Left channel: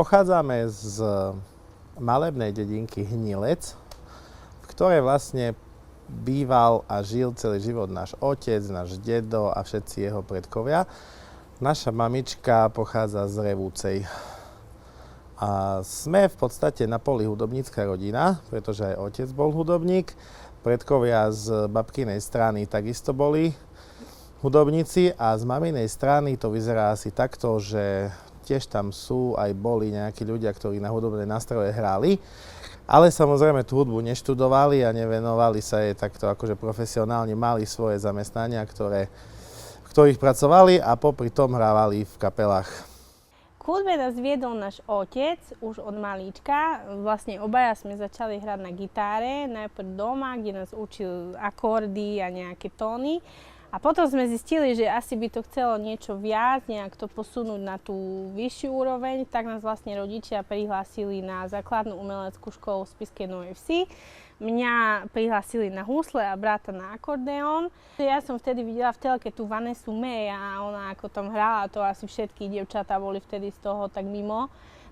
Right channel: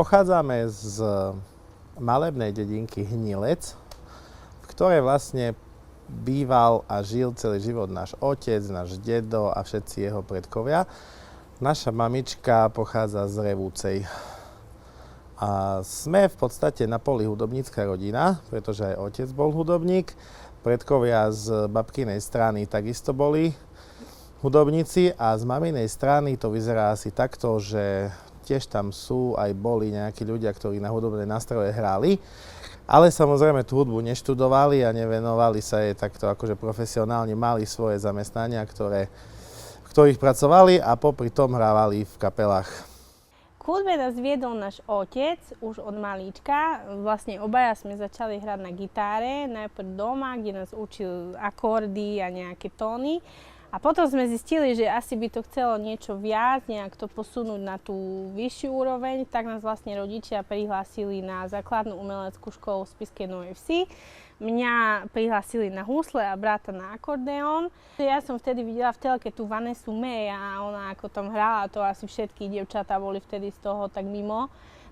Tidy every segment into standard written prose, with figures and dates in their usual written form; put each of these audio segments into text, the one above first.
pochádzame z malebnej dedinky Hnilec, v ktorej vlastne býval a žil celý život náš otec, náš dedo a všetci jeho predkovia. Naša mamička pochádza z Revúcej. A sme v podstate na poli hudobnícka rodina, pretože aj otec bol hudobník. Predkovia z babkinej strany takisto boli hudobníci a z maminej strany to vyzerá asi takto, že tiež tam sú aj boli nejakí ľudia, ktorí na hudobné nástroje hrali. Ale samozrejme tú hudbu neštudovali a nevenovali sa jej takto akože profesionálne, mali svoje zamestnania, v ktorých pracovali a popri tom hrávali v kapelách. K hudbe nás viedol náš otec už od malíčka. Vlastne obaja sme začali hrať na gitáre, najprv doma, kde nás učil akordy a nejaké tóny. A potom sme zistili, že asi by to chcelo niečo viac, nejak to posunúť na tú vyššiu úroveň, tak nás vlastne rodičia prihlásili na základnú umeleckú školu v Spišskej Novej Vsi. Mňa prihlásili na husle a brata na akordeón. Ja som vtedy videla v telke tú Vanessu May a ona ako tam hrala, to asi všetky dievčatá boli vtedy z toho tak mimo.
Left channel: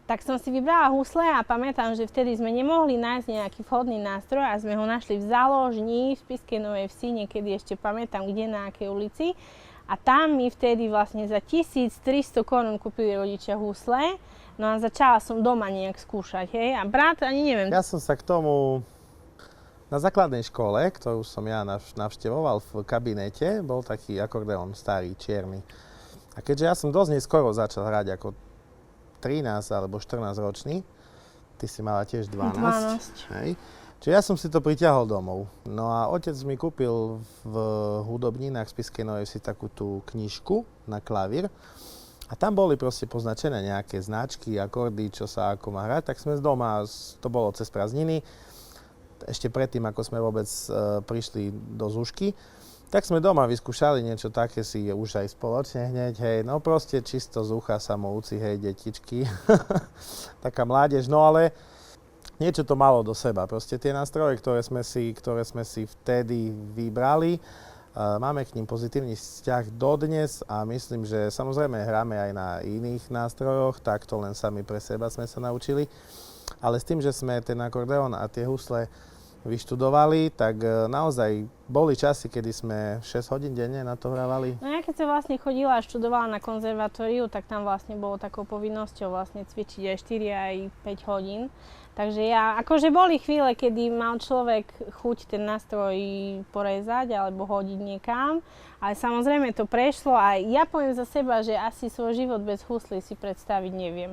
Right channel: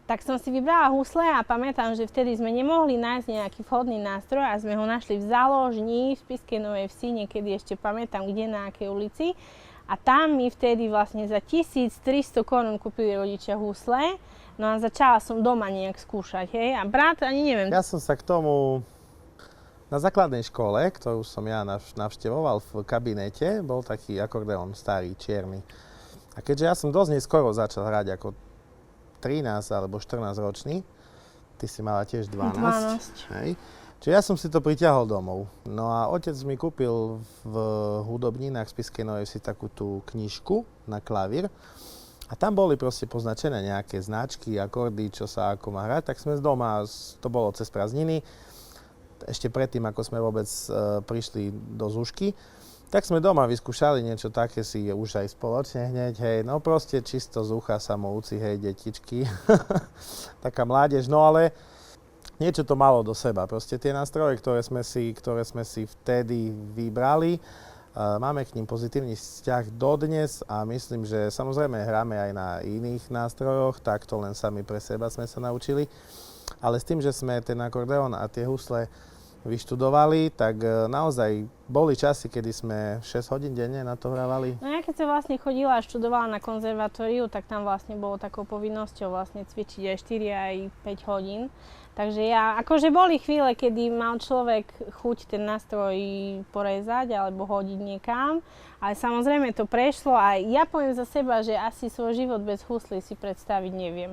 Tak som si vybrala husle a pamätám, že vtedy sme nemohli nájsť nejaký vhodný nástroj a sme ho našli v záložni v Spišskej Novej Vsi, niekedy ešte pamätám, kde, na akej ulici. A tam mi vtedy vlastne za 1300 korún kúpili rodičia husle. No a začala som doma nejak skúšať, hej. A brat, ani neviem. Ja som sa k tomu na základnej škole, ktorú som ja navštevoval v kabinete, bol taký akordeón starý, čierny. A keďže ja som dosť neskoro začal hrať ako 13 alebo 14 ročný, ty si mala tiež 12. Hej. Čiže ja som si to pritiahol domov. No a otec mi kúpil v hudobninách Spišskej Novej Vsi takú tú knižku na klavír. A tam boli proste poznačené nejaké značky, akordy, čo sa ako má hrať. Tak sme z doma, to bolo cez prázdniny, ešte predtým, ako sme vôbec prišli do Zúšky, tak sme doma vyskúšali niečo také si už aj spoločne hneď, hej, no proste čisto z ucha samouci, hej, detičky, taká mládež, no ale niečo to malo do seba, proste tie nástroje, ktoré sme si vtedy vybrali, máme k ním pozitívny vzťah dodnes a myslím, že samozrejme hráme aj na iných nástrojoch, takto len sami pre seba sme sa naučili, ale s tým, že sme ten akordeón a tie husle vyštudovali, tak naozaj boli časy, kedy sme 6 hodín denne na to hrávali. No ja keď som vlastne chodila a študovala na konzervatóriu, tak tam vlastne bolo takou povinnosťou vlastne cvičiť aj 4 aj 5 hodín. Takže akože boli chvíle, kedy mal človek chuť ten nástroj porezať alebo hodiť niekam, ale samozrejme to prešlo a ja poviem za seba, že asi svoj život bez huslí si predstaviť neviem.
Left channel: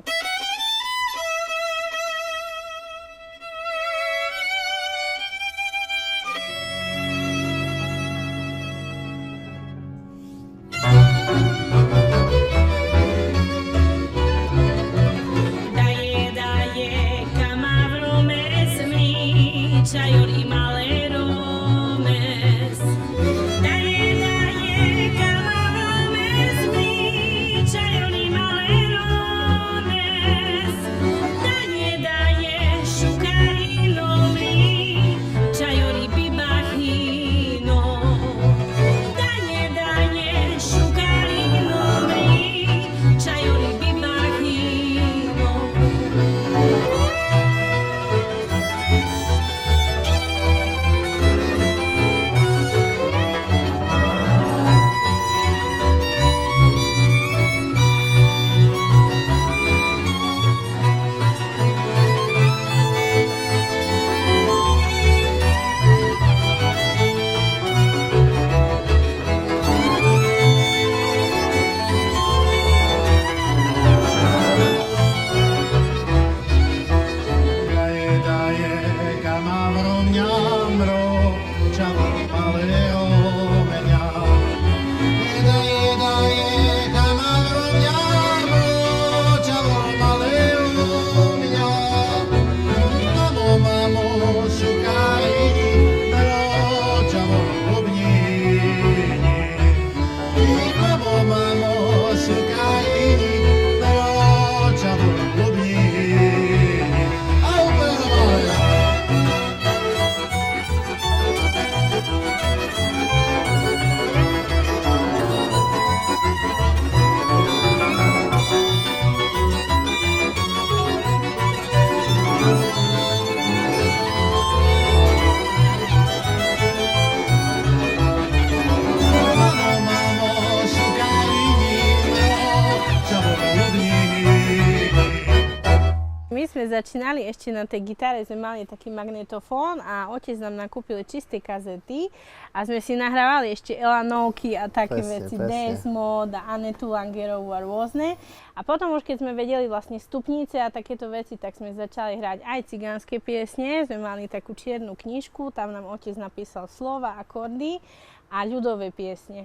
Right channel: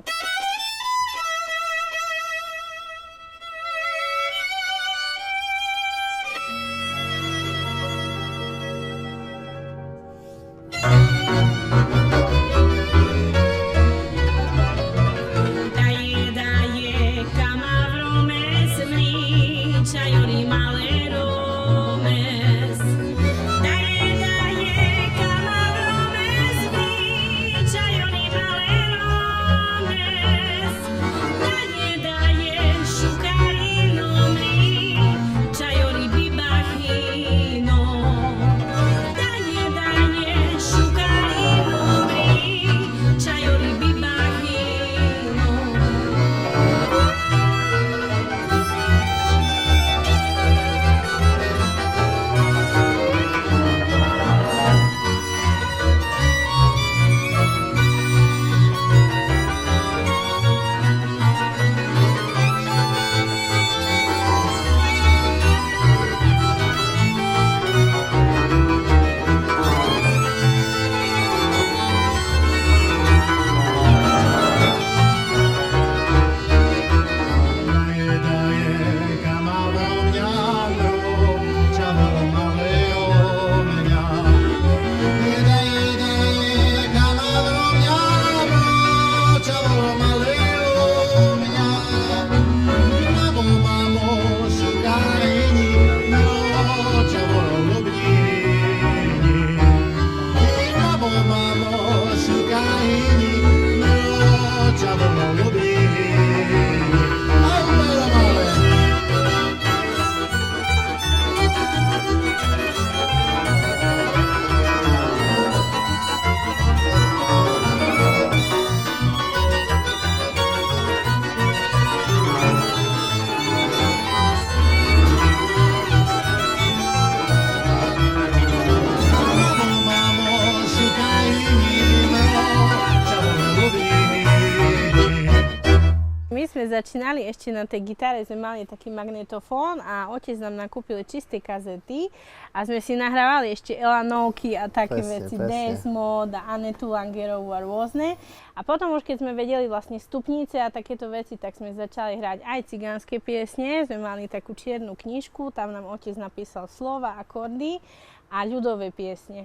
sme začínali, ešte na tej gitare sme mali taký magnetofón a otec nám nakúpil čisté kazety a sme si nahrávali ešte Elanovky a také veci, Desmod a Anetu Langerovú a rôzne. A potom už keď sme vedeli vlastne stupnice a takéto veci, tak sme začali hrať aj cigánske piesne. Sme mali takú čiernu knižku, tam nám otec napísal slova, akordy a ľudové piesne.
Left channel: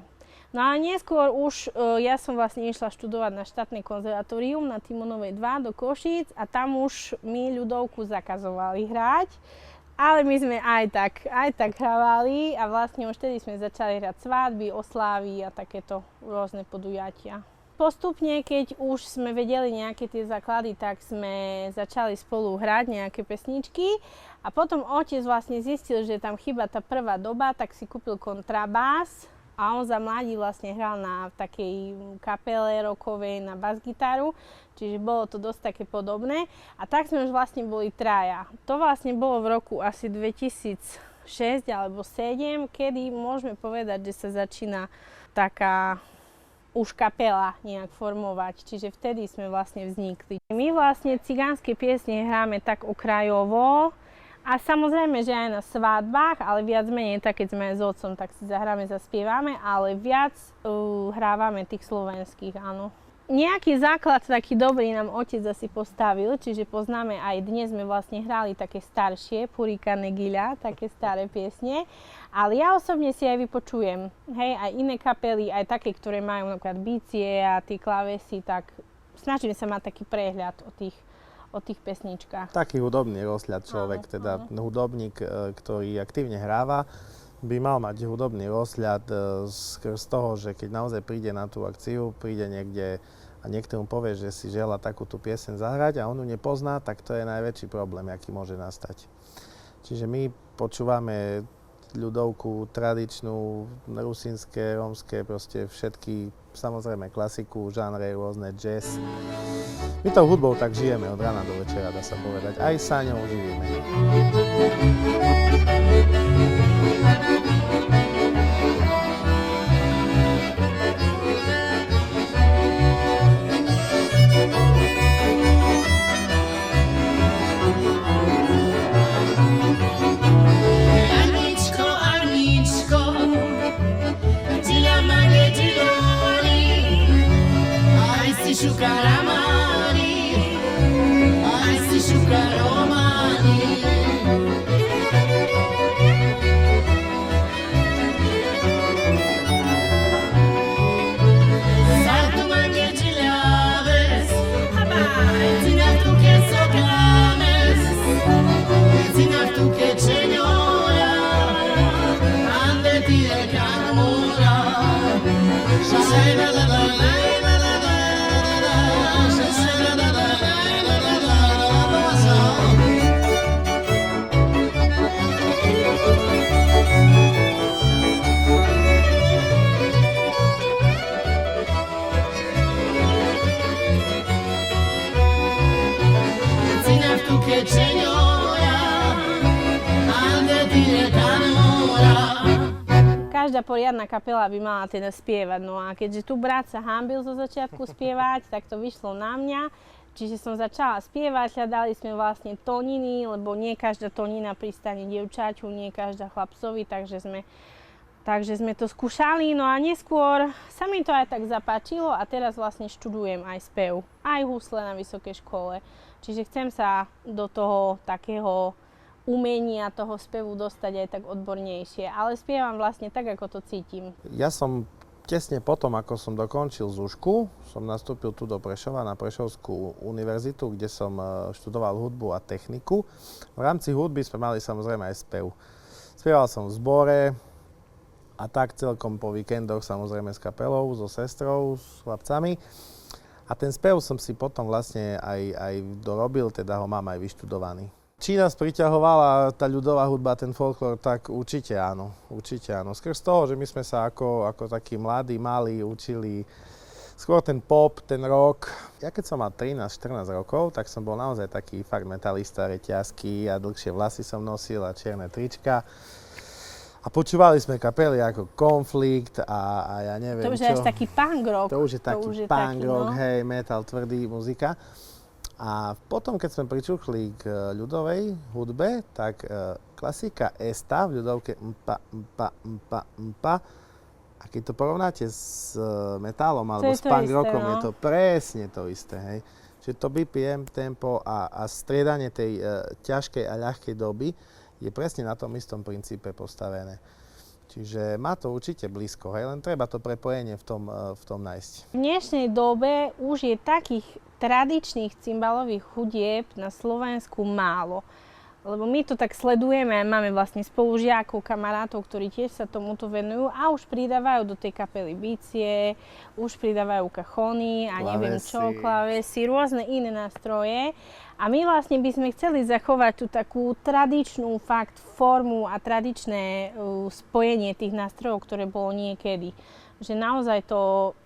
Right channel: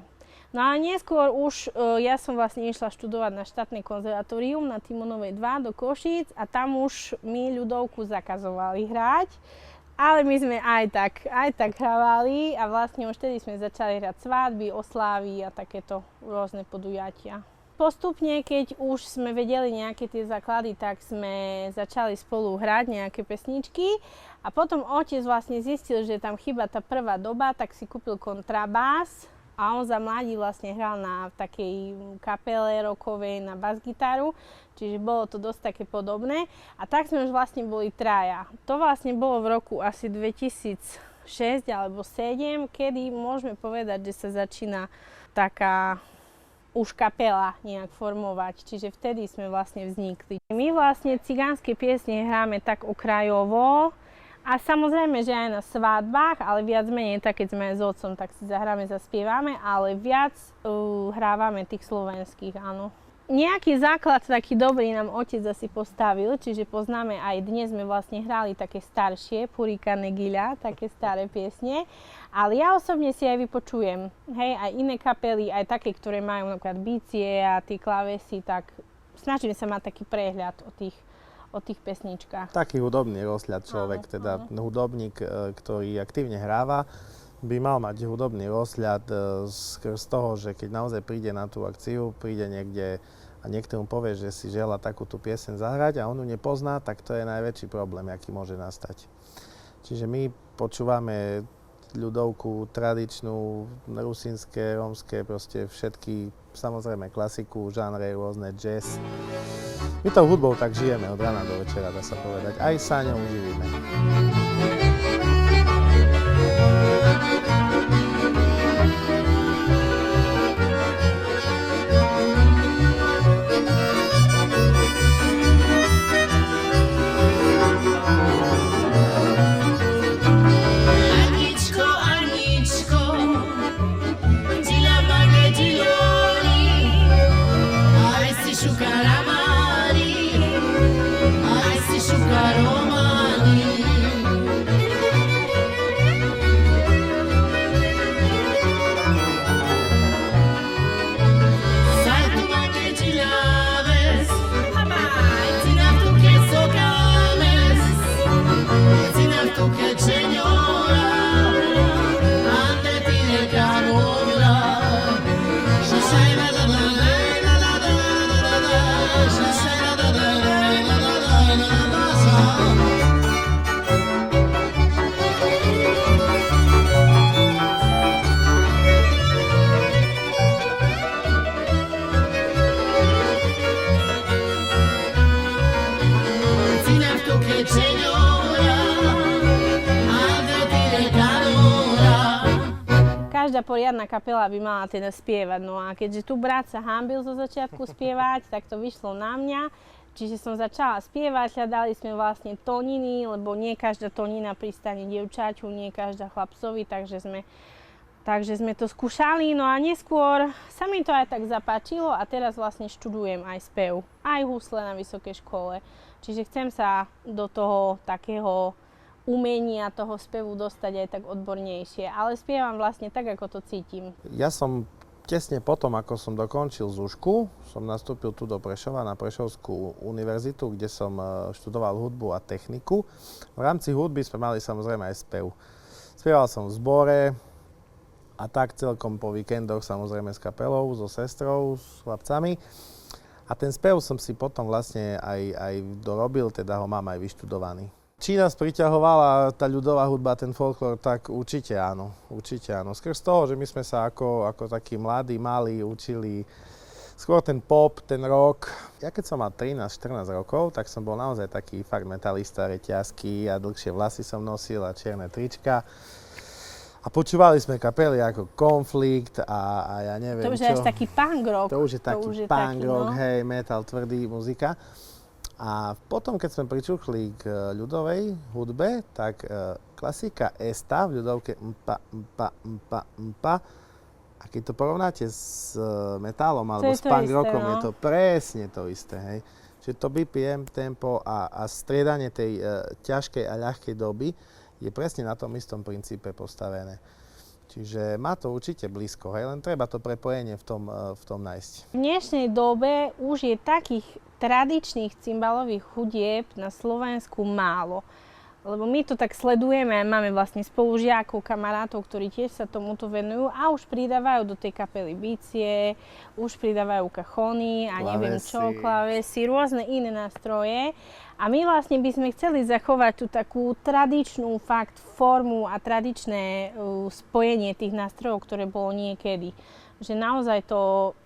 No a neskôr už ja som vlastne išla študovať na štátne konzervatórium na Timonovej 2 do Košíc a tam už mi ľudovku zakazovali hrať, ale my sme aj tak hrávali a vlastne už vtedy sme začali hrať svadby, oslávy a takéto rôzne podujatia. Postupne, keď už sme vedeli nejaké tie základy, tak sme začali spolu hrať nejaké pesničky a potom otec vlastne zistil, že tam chýba tá prvá doba, tak si kúpil kontrabás. A on za mladí vlastne hral na takej kapele rockovej na basgitaru, čiže bolo to dosť také podobné. A tak sme už vlastne boli traja. To vlastne bolo v roku asi 2006 alebo 2007, kedy môžeme povedať, že sa začína taká už kapela nejak formovať, čiže vtedy sme vlastne vznikli. My vlastne cigánske piesne hráme tak okrajovo, a samozrejme, že aj na svadbách, ale viac menej, tak keď sme aj s otcom, tak si zahráme, zaspievame, ale viac hrávame tých slovenských, áno. Nejaký základ taký dobrý nám otec asi postavil, čiže poznáme aj dnes sme vlastne hrali také staršie, Purika Negiľa, také staré piesne, ale ja osobne si aj vypočujem, hej, aj iné kapely, aj také, ktoré majú napríklad bicie a tie klávesy, tak snažím sa mať taký prehľad o tých pesničkách. Taký hudobný rozhľad človek, hudobník, ktorý aktívne hráva, by mal mať hudobný rozhľad z toho, že keď naozaj príde na tú akciu, príde niekde a niekto mu povie, že si želá takúto pieseň zahrať a on ju nepozná, tak to je najväčší problém, aký môže nastať. Čiže my počúvame ľudovku, tradičnú, rusínske, rómske, proste všetky, samozrejme klasiku, žánre, rôzne jazz. My tou hudbou tak žijeme od rána do večera, dá sa povedať. Aj sa ňou živíme. Každá poriadna kapela by mala teda spievať, no a keďže tu brat sa hanbil zo začiatku spievať, tak to vyšlo na mňa. Čiže som začala spievať, hľadali sme vlastne tóniny, lebo nie každá tónina pristane dievčaťu, nie každá chlapcovi, takže sme to skúšali. No a neskôr sa mi to aj tak zapáčilo a teraz vlastne študujem aj spev, aj husle na vysokej škole. Čiže chcem sa do toho takého umenia toho spevu dostať aj tak odbornejšie, ale spievam vlastne tak, ako to cítim. Ja som tesne potom, ako som dokončil ZUŠku, som nastúpil tu do Prešova na Prešovskú univerzitu, kde som študoval hudbu a techniku. V rámci hudby sme mali samozrejme aj spev. Spieval som v zbore a tak celkom po víkendoch samozrejme s kapelou, so sestrou, s chlapcami. A ten spev som si potom vlastne aj dorobil, teda ho mám aj vyštudovaný. Či nás priťahovala tá ľudová hudba, ten folklór, tak určite áno, určite áno. Skrz toho, že my sme sa ako takí mladí, malí učili skôr ten pop, ten rock. Ja keď som mal 13-14 rokov, tak som bol naozaj taký fakt metalista, reťazky a dlhšie vlasy som nosil a čierne trička. A počúvali sme kapely ako Konflikt a ja neviem čo. To už je až taký punk rock. To už je taký punk rock, hej, metal, tvrdý muzika. A potom, keď sme pričuchli k ľudovej hudbe, tak klasika esta v ľudovke mpa, mpa, mpa, mpa. A keď to porovnáte s metálom alebo s punk rockom, je to presne to isté. Hej. Čiže to BPM, tempo a striedanie tej ťažkej a ľahkej doby je presne na tom istom princípe postavené. Čiže má to určite blízko, hej, len treba to prepojenie v tom nájsť. V dnešnej dobe už je takých tradičných cymbalových hudieb na Slovensku málo. Lebo my to tak sledujeme a máme vlastne spolužiakov, kamarátov, ktorí tiež sa tomuto venujú a už pridávajú do tej kapely bicie, už pridávajú kachony a neviem čo, klávesy, rôzne iné nástroje. A my vlastne by sme chceli zachovať tú takú tradičnú formu a tradičné spojenie tých nástrojov, ktoré bolo niekedy. Že naozaj to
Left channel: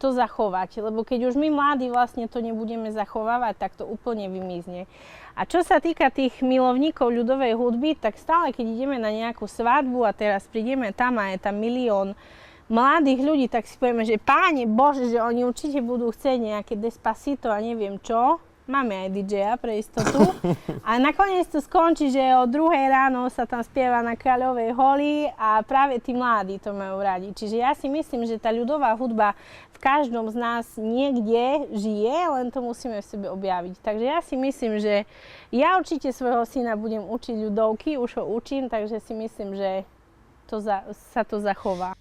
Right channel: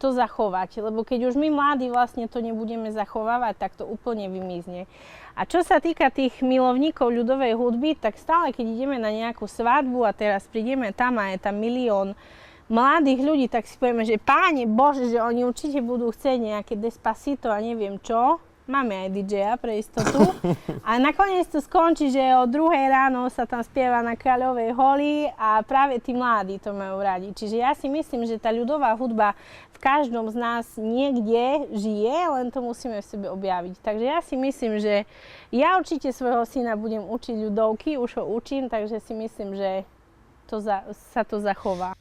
zachovať, lebo keď už my mladí vlastne to nebudeme zachovávať, tak to úplne vymizne. A čo sa týka tých milovníkov ľudovej hudby, tak stále keď ideme na nejakú svadbu a teraz prídeme tam a je tam milión mladých ľudí, tak si povieme, že Páne Bože, že oni určite budú chcieť nejaké Despacito a neviem čo. Máme aj DJ-a pre istotu. A nakoniec to skončí, že o 2:00 ráno sa tam spieva na Kráľovej holi a práve tí mladí to majú radi. Čiže ja si myslím, že tá ľudová hudba v každom z nás niekde žije, len to musíme v sebe objaviť. Takže ja si myslím, že ja určite svojho syna budem učiť ľudovky, už ho učím, takže si myslím, že sa to zachová.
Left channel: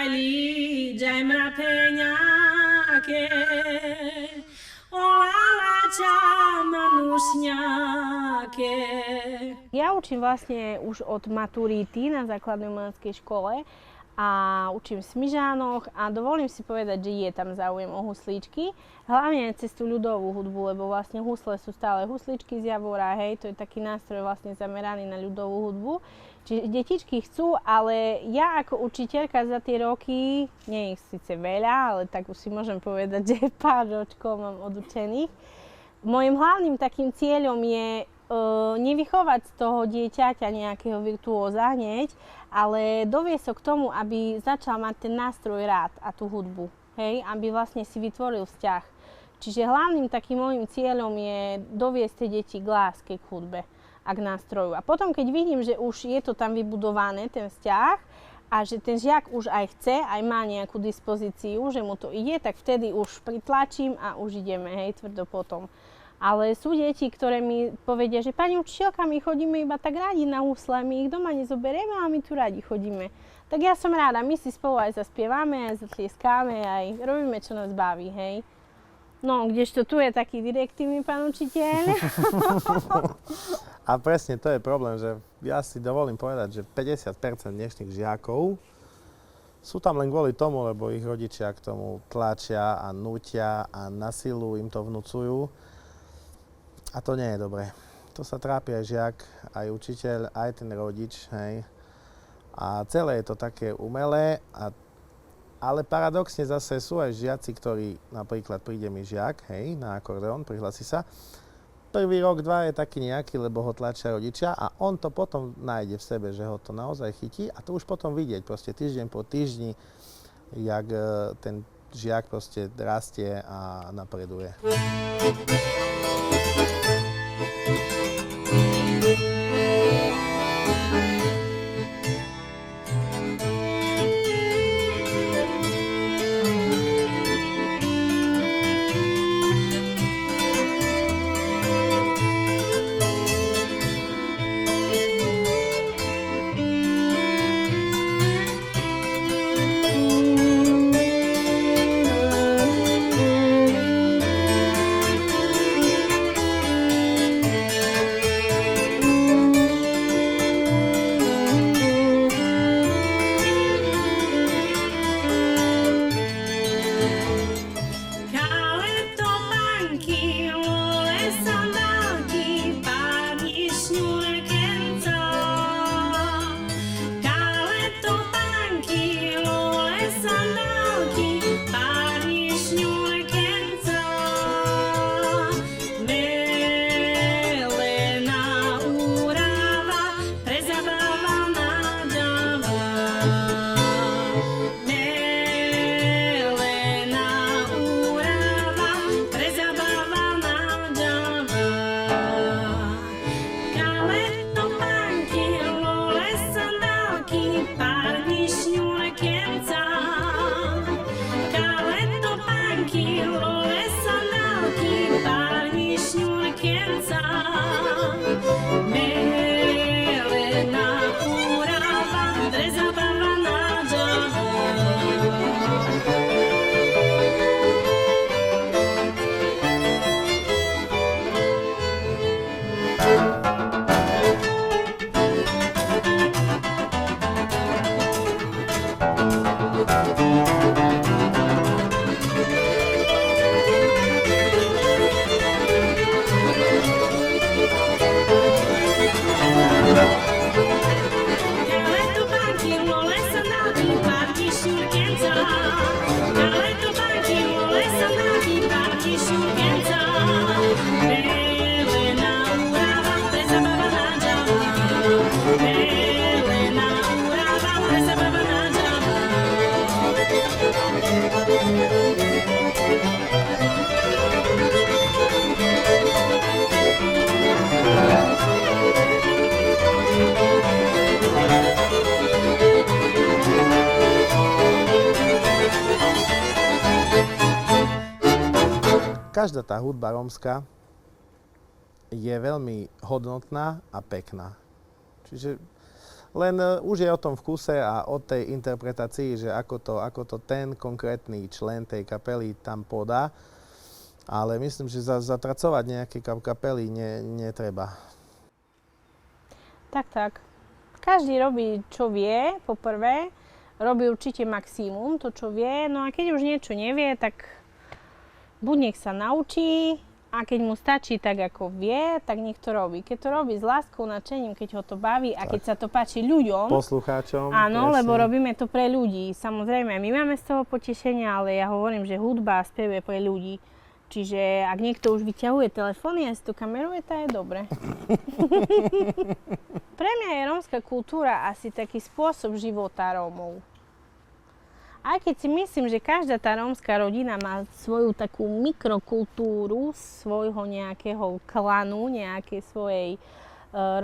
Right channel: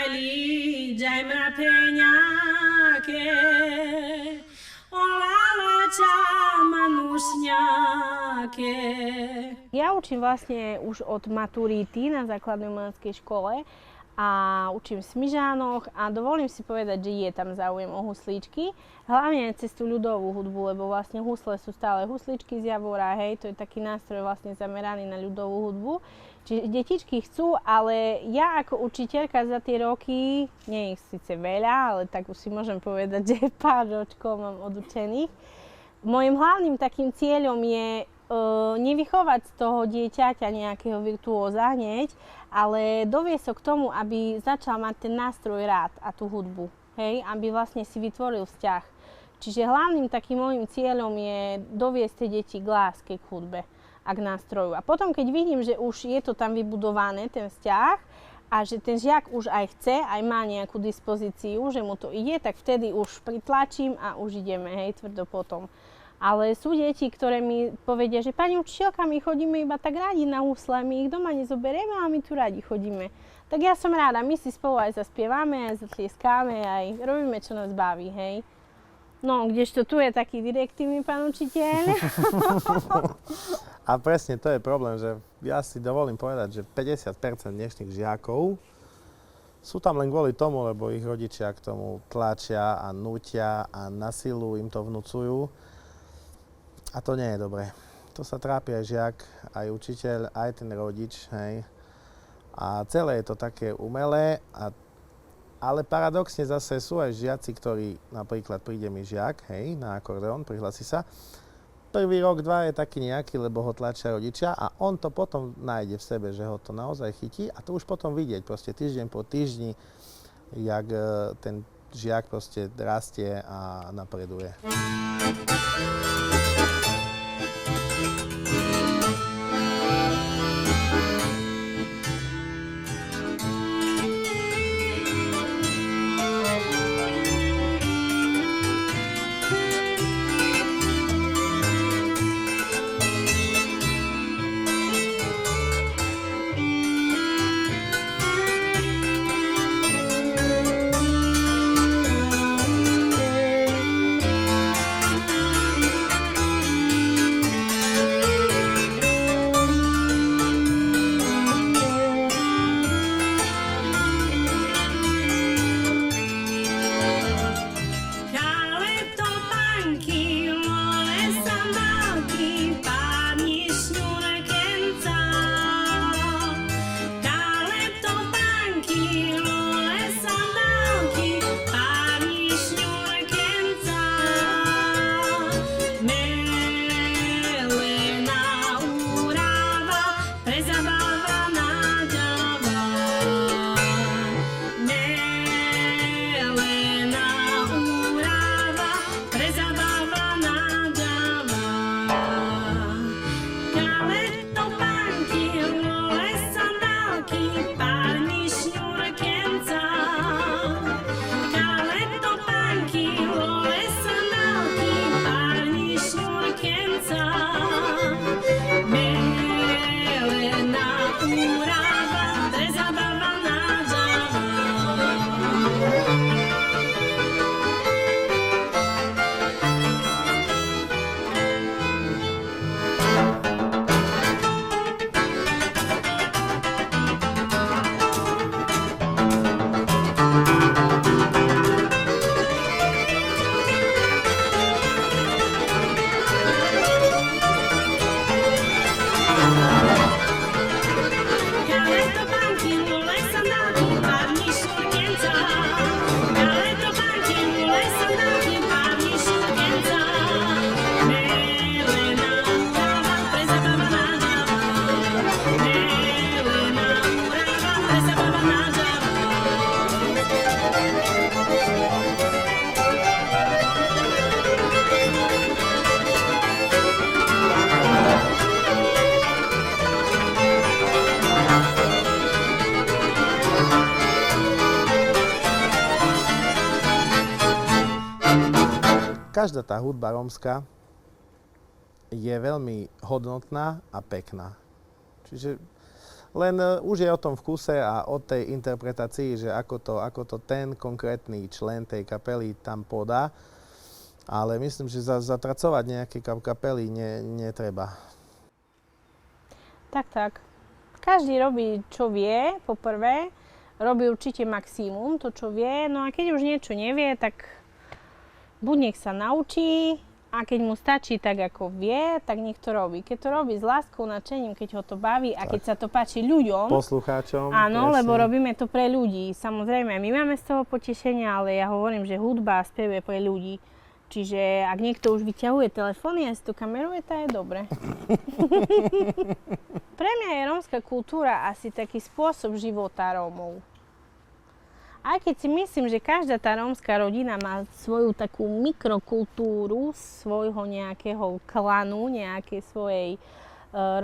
Líďaj mrapeňáke, olálača manušňáke. Ja učím vlastne už od maturity na základnej umeleckej škole a učím v Smižánoch a dovolím si povedať, že je tam záujem o huslíčky. Hlavne cez tú ľudovú hudbu, lebo vlastne husle sú stále husličky z Javora, hej, to je taký nástroj vlastne zameraný na ľudovú hudbu. Čiže detičky chcú, ale ja ako učiteľka za tie roky, nie ich síce veľa, ale tak už si môžem povedať, že pár ročkov mám odučených. Mojím hlavným takým cieľom je nevychovať z toho dieťaťa nejakého virtuóza hneď, ale doviesť ho k tomu, aby začal mať ten nástroj rád a tú hudbu, hej, aby vlastne si vytvoril vzťah. Čiže hlavným takým môjim cieľom je doviesť tie deti k láske, k hudbe a k nástroju. A potom, keď vidím, že už je to tam vybudované, ten vzťah, a že ten žiak už aj chce, aj má nejakú dispozíciu, že mu to ide, tak vtedy už pritlačím a už ideme, hej, tvrdo potom. Ale sú deti, ktoré mi povedia, že pani učiteľka, my chodíme iba tak radi na husle, my ich doma nezoberieme, ale my tu radi chodíme. Tak ja som ráda, my si spolu aj zaspievame, aj zatlieskáme, aj robíme, čo nás baví, hej. No, kdežto tu je taký direktívny pán učiteľ. A presne to je problém, že ja si dovolím povedať, že 50% dnešných žiakov Sú tam len kvôli tomu, lebo ich rodičia k tomu tlačia a nútia a na silu im to vnúcujú. A to nie je dobré. To sa trápi aj žiak, aj učiteľ, aj ten rodič, hej. A celé je to také umelé, ale paradoxne zase sú aj žiaci, ktorí, napríklad príde mi žiak, hej, na akordeón, prihlási sa. Prvý rok, dva je taký nejaký, lebo ho tlačia rodičia a on to potom nájde v sebe, že ho to naozaj chytí a to už potom vidieť proste týždeň po týždni, jak ten žiak proste rastie a napreduje. Každá tá hudba rómska je veľmi hodnotná a pekná. Čiže len už je o tom vkuse a o tej interpretácii, že ako to ten konkrétny člen tej kapely tam podá. Ale myslím, že zatracovať nejaké kapely netreba. Tak. Každý robí, čo vie, poprvé. Robí určite maximum, to, čo vie. No a keď už niečo nevie, tak buď nech sa naučí a keď mu stačí tak, ako vie, tak nech to robí. Keď to robí s láskou, nadšením, keď ho to baví a keď sa to páči ľuďom. Poslucháčom. Áno, presne. lebo robíme to pre ľudí. Samozrejme, my máme z toho potešenie, ale ja hovorím, že hudba a spev je pre ľudí. Čiže ak niekto už vyťahuje telefóny a si to kameruje, to je dobre. Pre mňa je rómska kultúra asi taký spôsob života Rómov. Aj keď si myslím, že každá tá rómska rodina má svoju takú mikrokultúru svojho nejakého klanu, nejakej svojej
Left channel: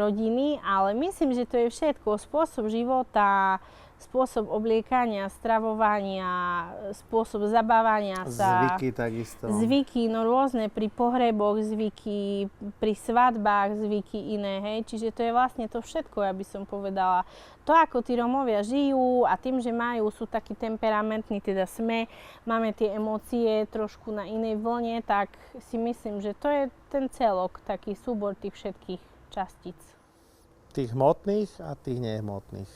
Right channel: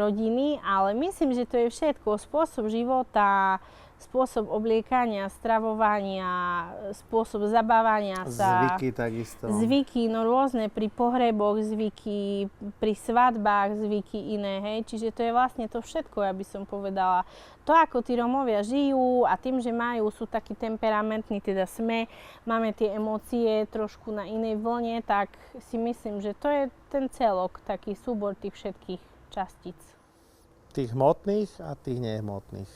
rodiny, ale myslím, že to je všetko. Spôsob života, spôsob obliekania, stravovania, spôsob zabávania sa. Zvyky takisto. Zvyky, no rôzne, pri pohreboch zvyky, pri svadbách zvyky iné, hej. Čiže to je vlastne to všetko, ja by som povedala. To, ako tí Rómovia žijú a tým, že sú takí temperamentní, teda máme tie emócie trošku na inej vlne, tak si myslím, že to je ten celok, taký súbor tých všetkých častíc. Tých hmotných a tých nehmotných.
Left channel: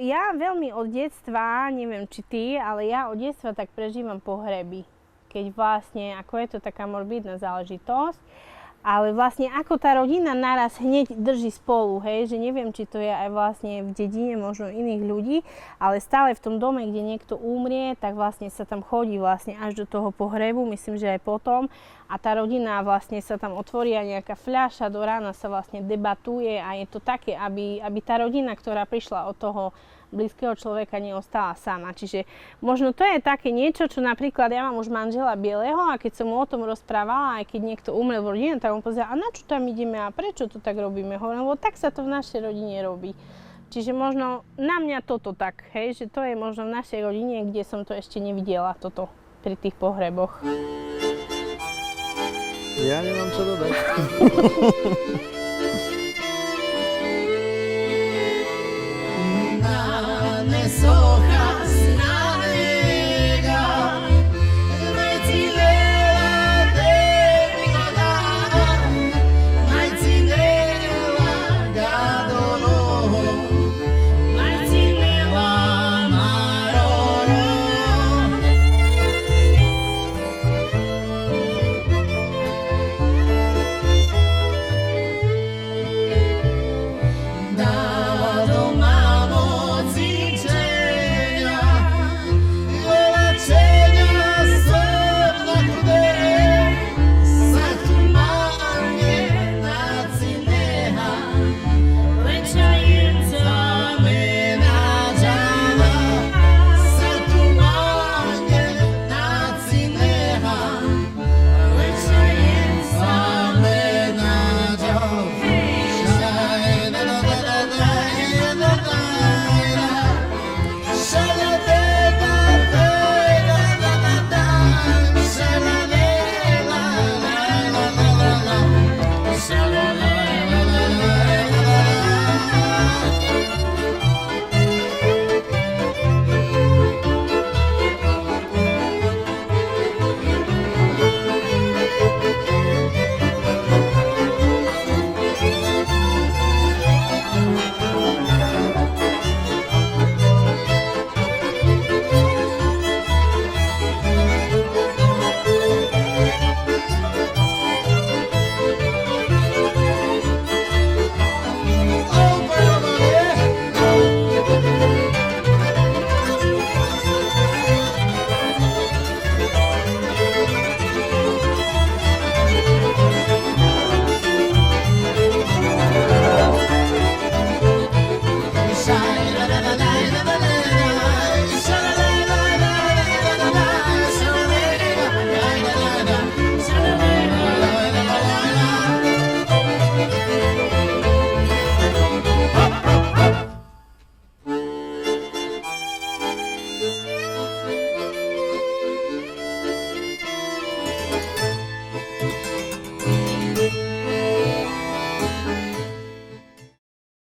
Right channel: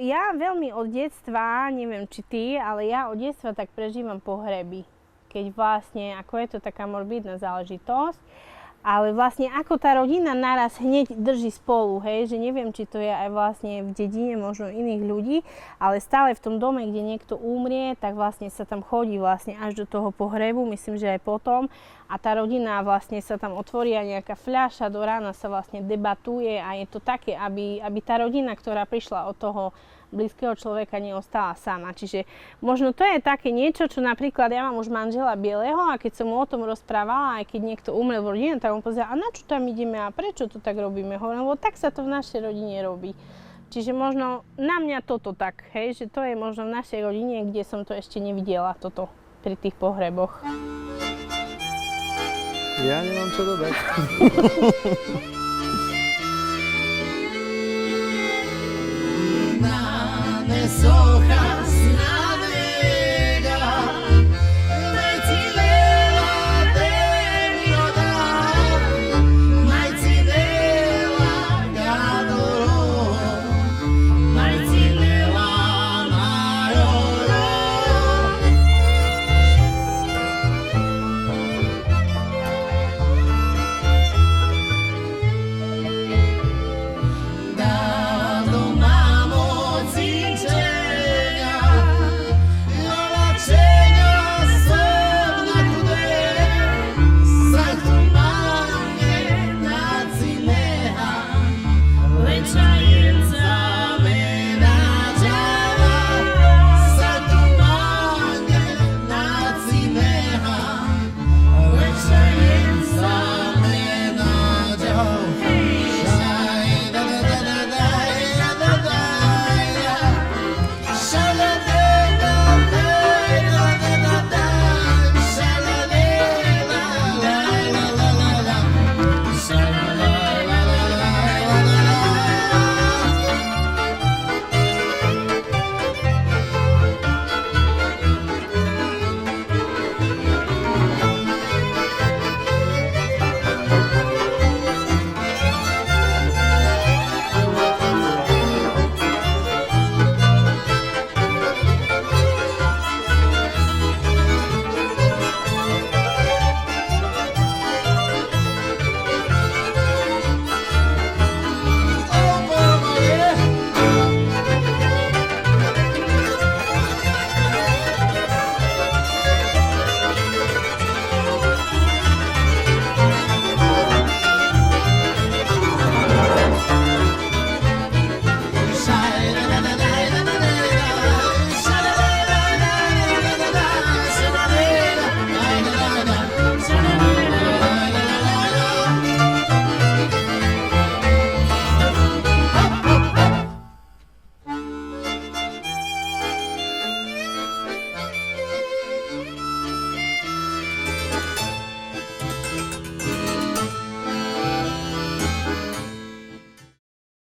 ja veľmi od detstva, neviem či ty, ale ja od detstva tak prežívam pohreby. Keď vlastne, ako je to taká morbidná záležitosť, ale vlastne ako tá rodina naraz hneď drží spolu, hej, že neviem, či to je aj vlastne v dedine možno iných ľudí, ale stále v tom dome, kde niekto umrie, tak vlastne sa tam chodí vlastne až do toho pohrebu, myslím, že aj potom. A tá rodina vlastne sa tam otvorí a nejaká fľaša, do rána sa vlastne debatuje a je to také, aby tá rodina, ktorá prišla od toho blízkeho človeka, neostala sama. Čiže možno to je také niečo, čo napríklad ja mám už manžela bieleho a keď som mu o tom rozprávala, aj keď niekto umrel v rodine, tak on povedal, a na čo tam ideme a prečo to tak robíme? Hovorím, lebo tak sa to v našej rodine robí. Čiže možno na mňa toto tak, hej, že to je možno v našej rodine, kde som to ešte nevidela, toto pri tých pohreboch. Ja nemám čo dodať.